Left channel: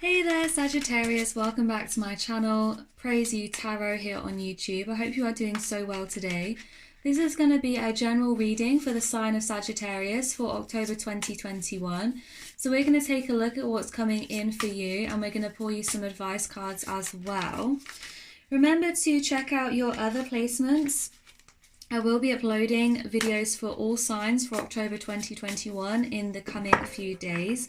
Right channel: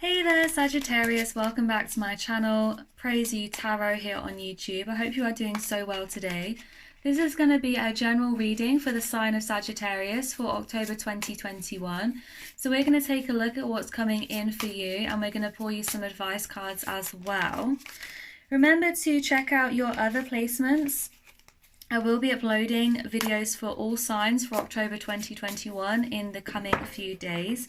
Hey there Sagittarius, welcome back to my channel, Praise You Tarot here on YouTube. I hope you are doing so well today. This is going to be a general reading for the sign of Sagittarius for October 2021. So we're going to take a look at what's coming in for you and we're going to pull you some advice cards as well. Remember to check out your other placements. I will be uploading videos for all signs for October 2021 in the coming few days.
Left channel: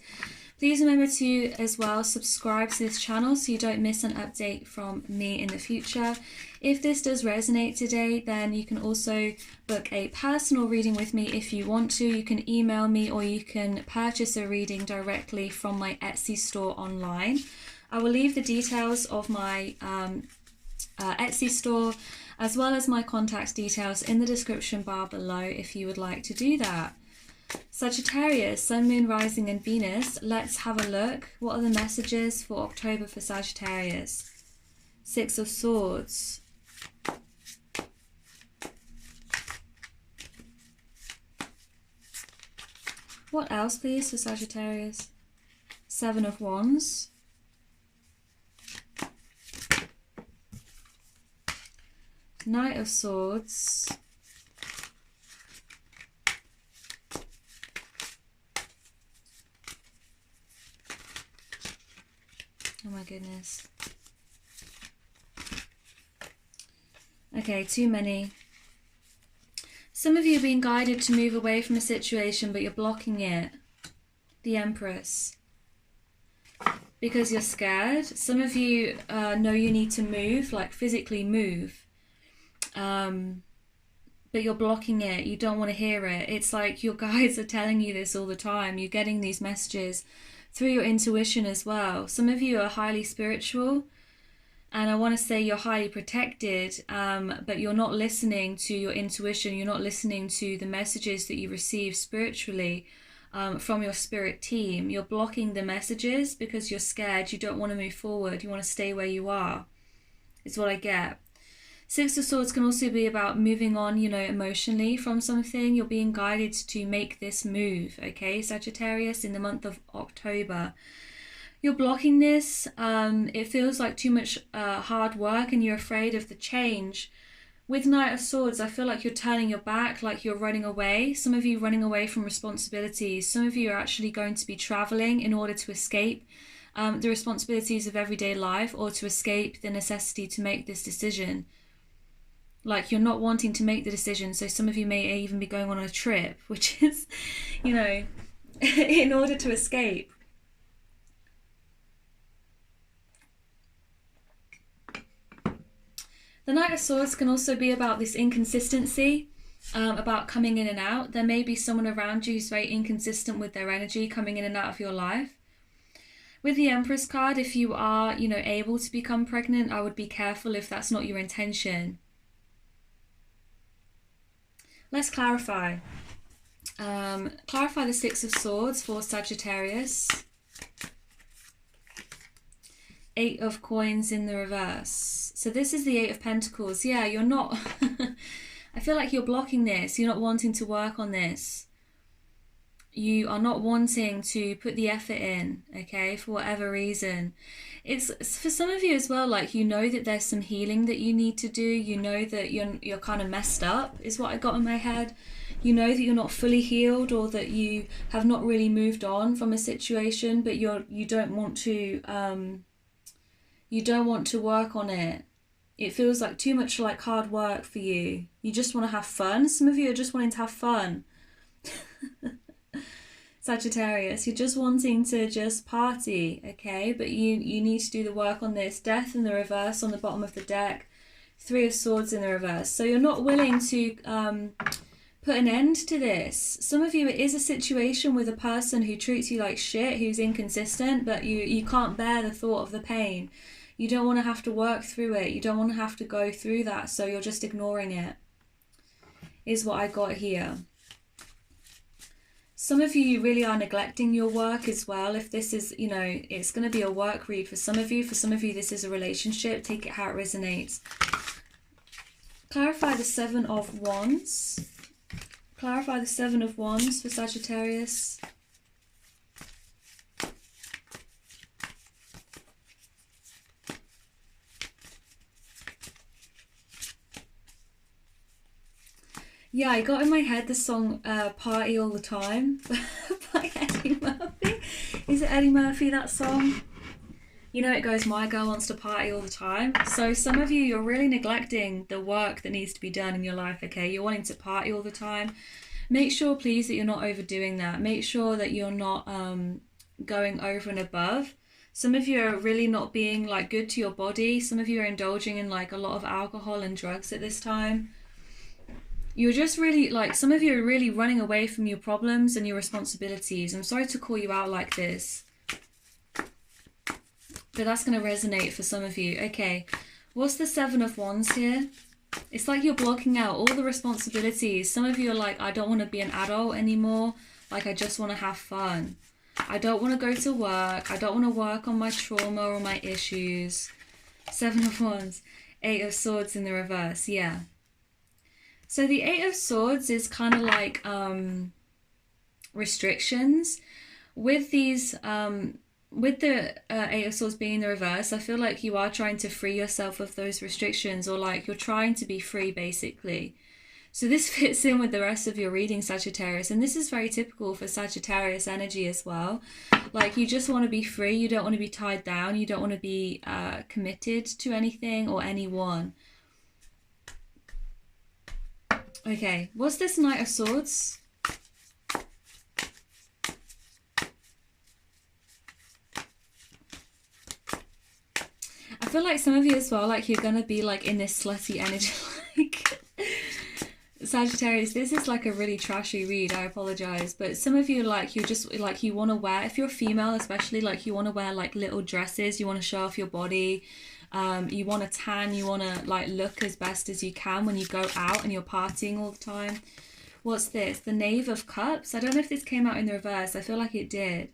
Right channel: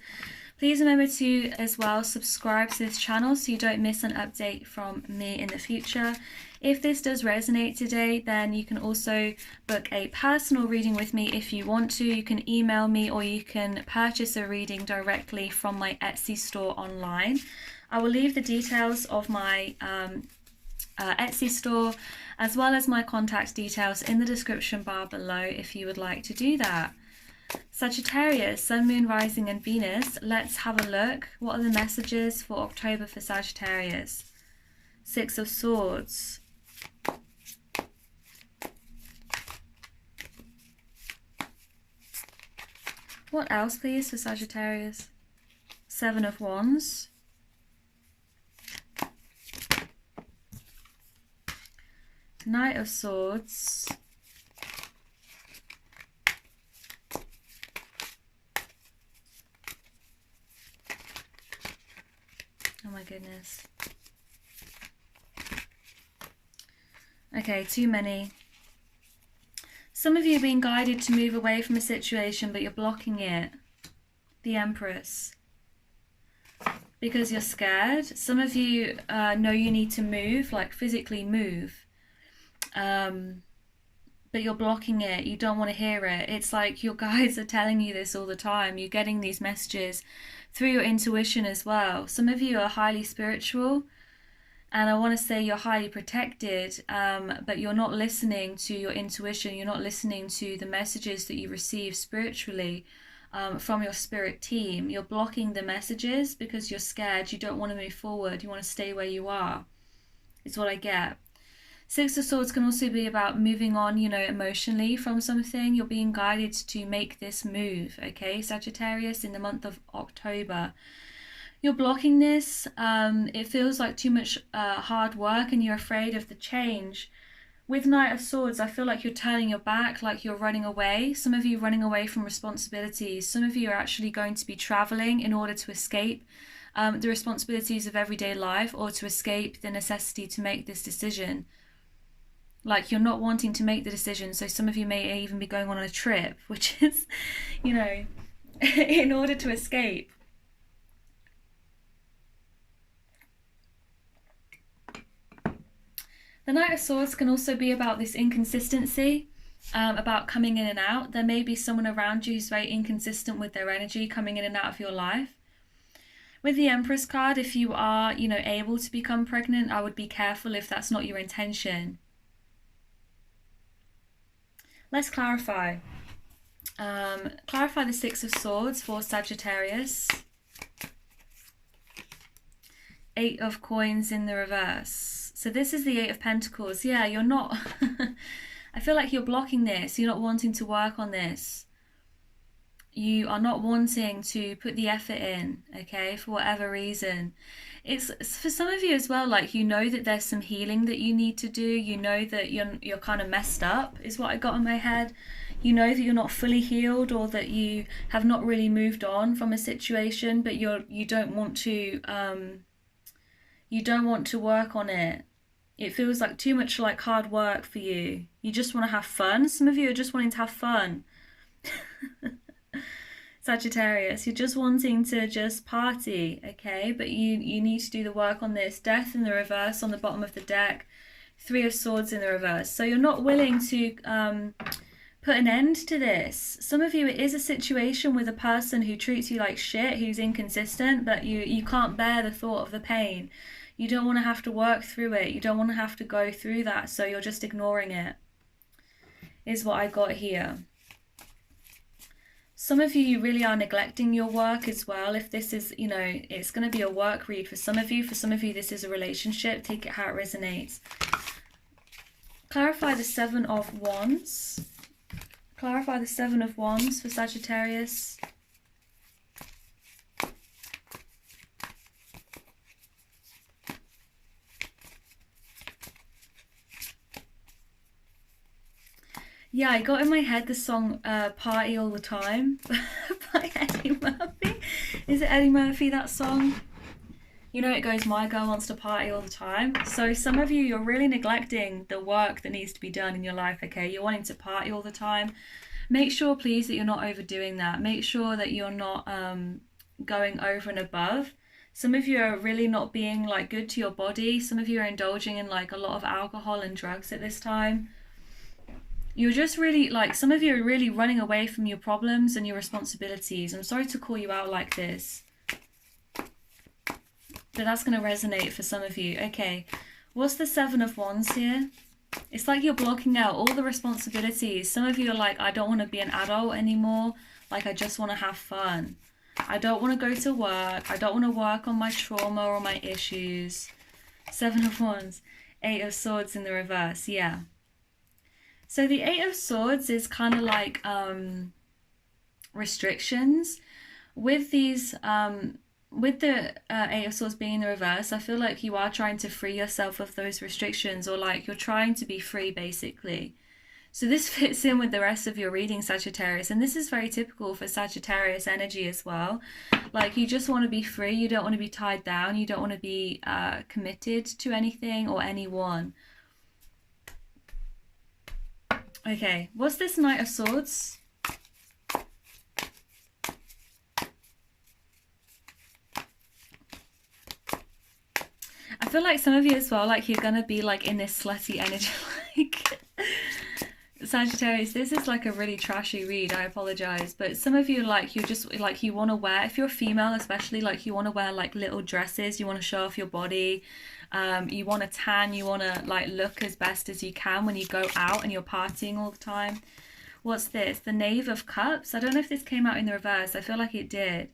Please remember to as well subscribe to this channel so you don't miss an update from me in the future. If this does resonate today, then you can also book a personal reading with me if you want to. You can email me or you can purchase a reading directly from my Etsy store online. I will leave the details of my Etsy store as well as my contact details in the description bar below if you would like to do that. Sagittarius, Sun, Moon, Rising and Venus. Let's have a look. What are the messages for October for Sagittarius? Six of Swords. What else please for Sagittarius? Seven of Wands. Knight of Swords. Oh my goodness. Okay, too many. Some of you are being guided to move away from a situation, but you're blocking it. The Empress. Because you're scared. Some of you know you need to move, like physically move. But you're blocking it. You don't want to hear it. It's like your guides are telling you this all the time. You're getting these messages through your intuition as well. Some of you are highly spiritual and I want to say you're highly protected, but you're not listening to your intuition. You're not listening to the messages that you receive spiritually from your spirit team. You're blocking the messages because you're scared. You don't want to move forward. You want to stay where you are. It's what I get. Six of Swords can also be about moving on, you know, emotionally from something. You're being guided to make this move, okay, Sagittarius, in the month of October. You're blocking this. It feels like too much hard work and you're afraid of the change. With Knight of Swords, I feel like you're turning your back, like you're running away. Some of you running away from responsibilities. Some of you are actually going to be traveling in order to escape the responsibilities of everyday life or to escape the necessity to make this decision. Like you're not wanting to make the decision, so some of you may even be going on a trip, which is, you know, in order to escape. The Knight of Swords can also be about this inconsistency, about coming in and out. There may be someone around you who's very inconsistent with their energy, coming in and out of your life. With the Empress card, if you are, you know, able to become pregnant, I would be careful if that's not your intention. Let's clarify. Clarify the Six of Swords for Sagittarius. Eight of Coins in the reverse. So this is the Eight of Pentacles. Yeah, you're not... I feel like you're blocking this. You're not wanting to work on this. You are not wanting to put the effort in, okay, for whatever reason. It's for some of you as well, like you know that there's some healing that you need to do. You know that you're kind of messed up is what I got in my head. You know that you're not fully healed or that you have not really moved on from a situation, but you don't want to work on it. It feels like too much like hard work for you. You just want to have fun. Some of you are just wanting to have fun. Sagittarius, you're just wanting to just party, okay? But you need to do the work on this. Death in the reverse on the bottom of the deck. Three of Swords in the reverse. So you're not willing to put an end to this. Some of you, it is a situation with a person who treats you like shit, who's inconsistent, but you can't bear the thought of the pain. You don't want to have to work through it. You don't want to have to go through that, so you're just ignoring it, is what I got here. Some of you really are neglecting your work as well. If this is, you know, it's going to be a work read for some of you. For some of you, this is a relationship. Take it how it resonates. Clarify the Seven of Wands. Clarify the Seven of Wands for Sagittarius. Yeah, I got in my head the song Party All the Time by Eddie Murphy. Is it Eddie Murphy, that song? You know, it goes, my girl wants to party all the time. So some of you, you're really neglecting the work that needs to be done in your life, okay? You're wanting to party all the time. Make sure, please, that you're not overdoing that. Make sure that you're not going over and above. Some of you are really not being like good to your body. Some of you are indulging in like a lot of alcohol and drugs at this time. You're just really like, some of you are really running away from your problems and your responsibilities. I'm sorry to call you out like this, but that's going to resonate for some of you. Okay, what's the Seven of Wands here? It's like you're blocking out all the responsibilities. Some of you are like, I don't want to be an adult anymore. Like, I just want to have fun. I don't want to go to work. I don't want to work on my trauma or my issues. Seven of Wands. Eight of Swords in the reverse. Yeah. So the Eight of Swords is kind of like restrictions. With these, with the Eight of Swords being in the reverse, I feel like you are trying to free yourself of those restrictions, or like you're trying to be free, basically. So this fits in with the rest of your reading, Sagittarius, and this is very typical for Sagittarius energy as well. Like, you just want to be free, you don't want to be tied down, you don't want to be committed to anything or anyone. Okay, what's this Knight of Swords? I feel like some of you as well, like you're gonna be like in this slutty energy, like Sagittarius, this is like a really trashy read, I apologize, but some of you, like, you just like, you want to wear, if you're female especially, like you want to wear like little dresses, you want to show off your body, you want to tan, you want to like look as best as you can when you go out and you're partying all the time. What's this? The Knave of Cups. I don't know if this came out in the reverse. I feel like it did.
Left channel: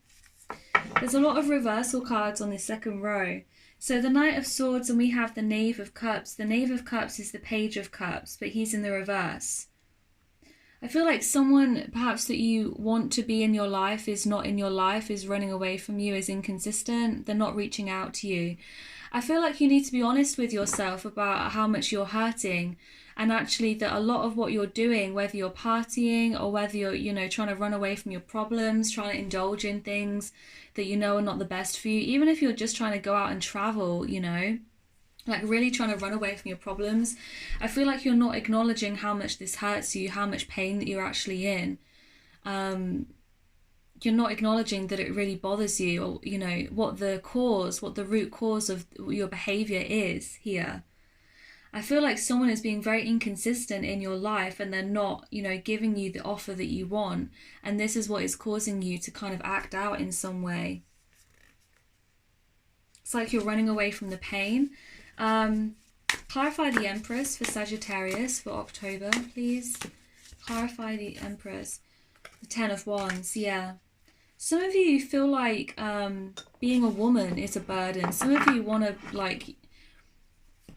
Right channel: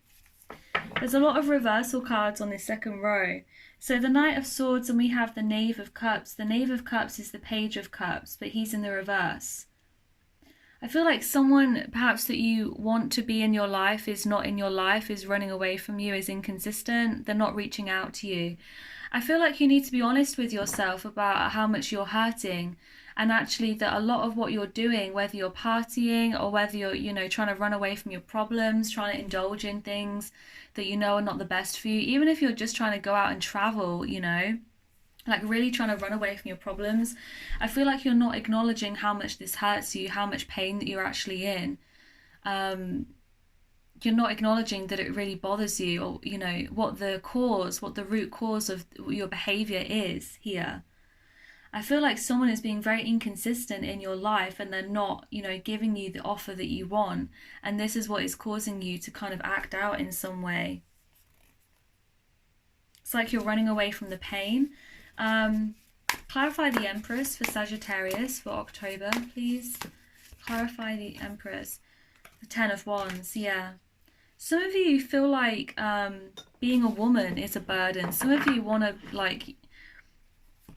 There's a lot of reversal cards on this second row. So the Knight of Swords, and we have the Knave of Cups. The Knave of Cups is the Page of Cups, but he's in the reverse. I feel like someone perhaps that you want to be in your life is not in your life, is running away from you, is inconsistent, they're not reaching out to you. I feel like you need to be honest with yourself about how much you're hurting, and actually that a lot of what you're doing, whether you're partying or whether you're, you know, trying to run away from your problems, trying to indulge in things that you know are not the best for you, even if you're just trying to go out and travel, you know, like really trying to run away from your problems, I feel like you're not acknowledging how much this hurts you, how much pain that you're actually in. You're not acknowledging that it really bothers you, or, you know, what the root cause of your behavior is here. I feel like someone is being very inconsistent in your life, and they're not, you know, giving you the offer that you want. And this is what is causing you to kind of act out in some way. It's like you're running away from the pain. Clarify the Empress for Sagittarius for October, please. Clarify the Empress. The Ten of Wands, yeah. Some of you feel like being a woman is a burden. Some of you want to, like,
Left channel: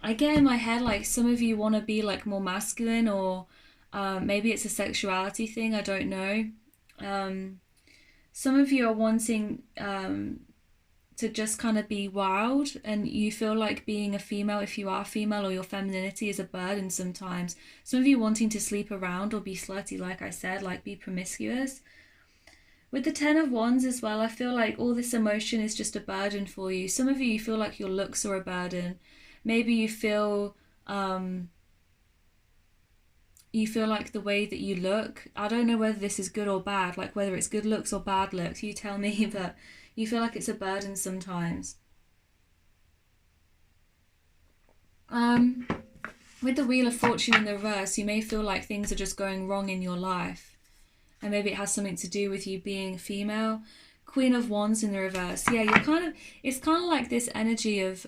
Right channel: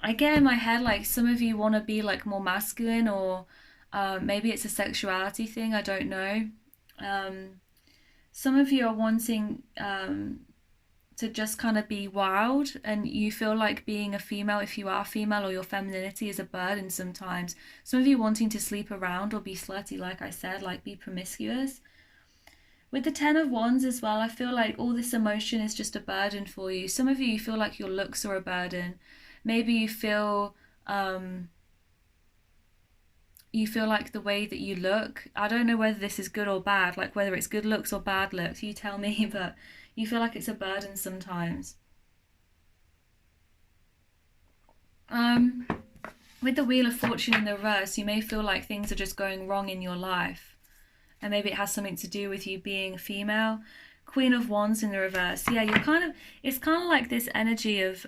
I get in my head, like, some of you want to be, like, more masculine, or maybe it's a sexuality thing, I don't know. Some of you are wanting to just kind of be wild, and you feel like being a female, if you are female, or your femininity is a burden sometimes. Some of you wanting to sleep around or be slutty, like I said, like be promiscuous. With the Ten of Wands as well, I feel like all this emotion is just a burden for you. Some of you feel like your looks are a burden. Maybe you feel like the way that you look, I don't know whether this is good or bad, like whether it's good looks or bad looks, you tell me, but you feel like it's a burden sometimes. With the Wheel of Fortune in the reverse, you may feel like things are just going wrong in your life, and maybe it has something to do with you being a female. Queen of Wands in the reverse, yeah, it's kind of like this energy of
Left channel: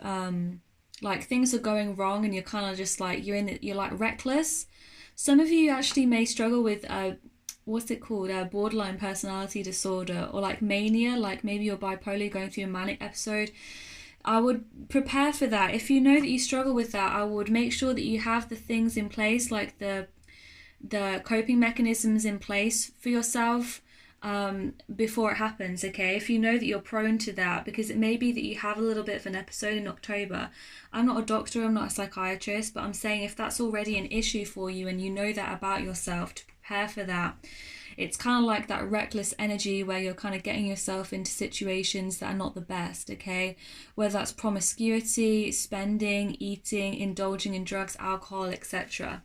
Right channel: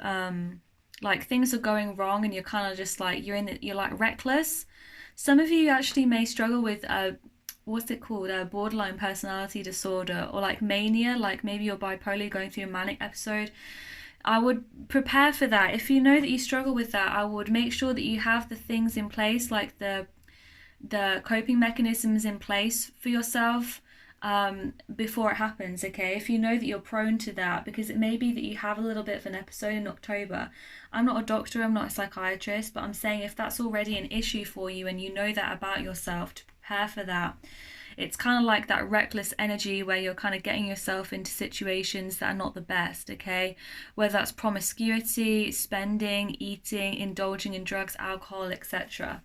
like things are going wrong, and you're kind of just like, you're like reckless. Some of you actually may struggle with what's it called, borderline personality disorder, or like mania, like maybe you're bipolar, going through a manic episode. I would prepare for that. If you know that you struggle with that, I would make sure that you have the things in place, like the coping mechanisms in place for yourself. before it happens, okay? If you know that you're prone to that, because it may be that you have a little bit of an episode in October. I'm not a doctor, I'm not a psychiatrist, but I'm saying if that's already an issue for you and you know that about yourself, to prepare for that. It's kind of like that reckless energy where you're kind of getting yourself into situations that are not the best, okay? Whether that's promiscuity, spending, eating, indulging in drugs, alcohol, etc.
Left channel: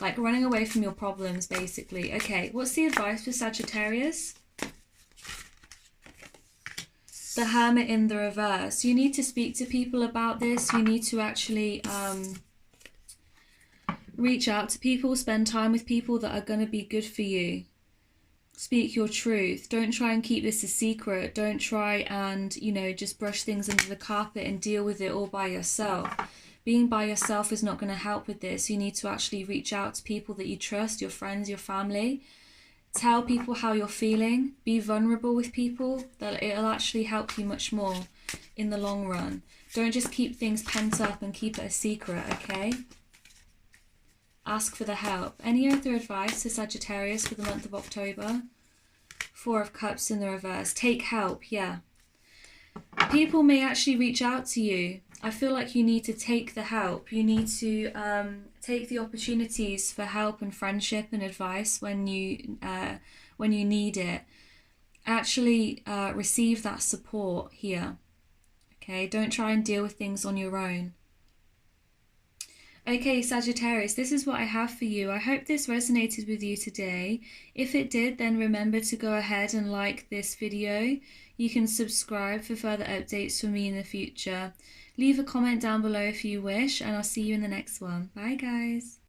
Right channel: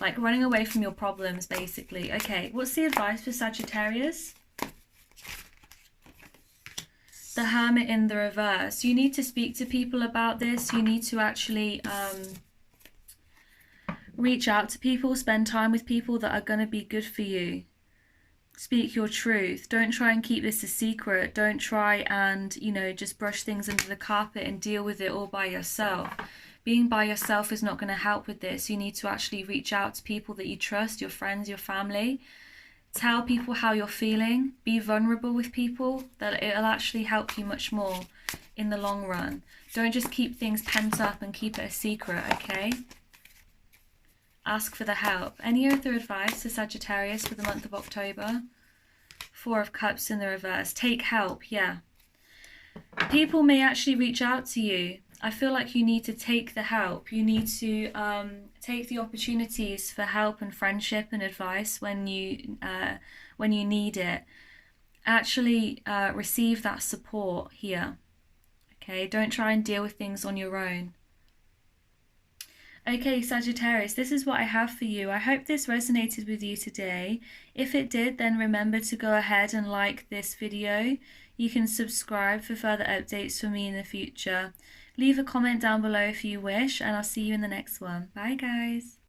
Like running away from your problems, basically. Okay, what's the advice for Sagittarius? The Hermit in the reverse. You need to speak to people about this. You need to actually reach out to people, spend time with people that are going to be good for you. Speak your truth. Don't try and keep this a secret. Don't try and, you know, just brush things under the carpet and deal with it all by yourself. Being by yourself is not going to help with this. You need to actually reach out to people that you trust, your friends, your family. Tell people how you're feeling. Be vulnerable with people. That it'll actually help you much more in the long run. Don't just keep things pent up and keep it a secret, okay? Ask for the help. Any other advice to Sagittarius for the month of October? Four of Cups in the reverse. Take help, yeah. People may actually reach out to you. I feel like you need to take the help. You need to take the opportunities for help and friendship and advice when you need it. Actually receive that support here. Okay, don't try and deal with things on your own. Okay, Sagittarius, this is what I have for you. I hope this resonated with you today. If it did, then remember to go ahead and like this video. You can subscribe for further updates from me in the future. Leave a comment down below if you wish, and I'll see you in the next one. Bye, guys.